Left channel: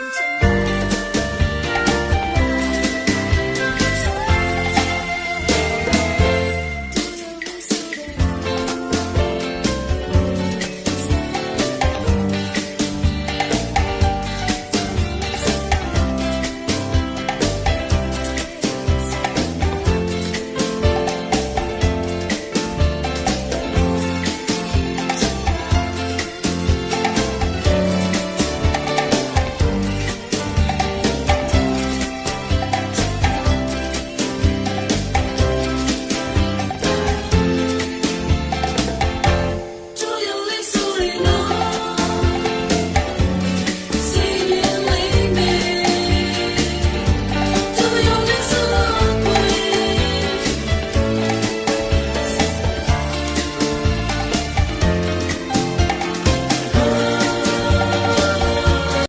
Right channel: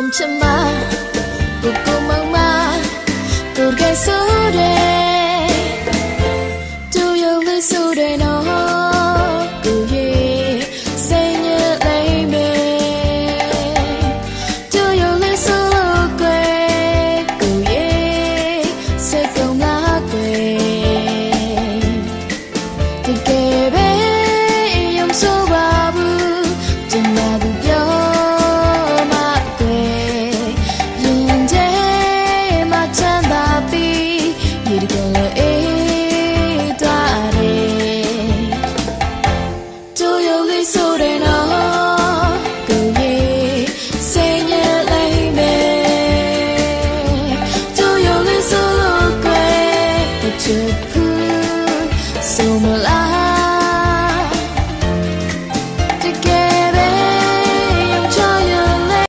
红尘吗？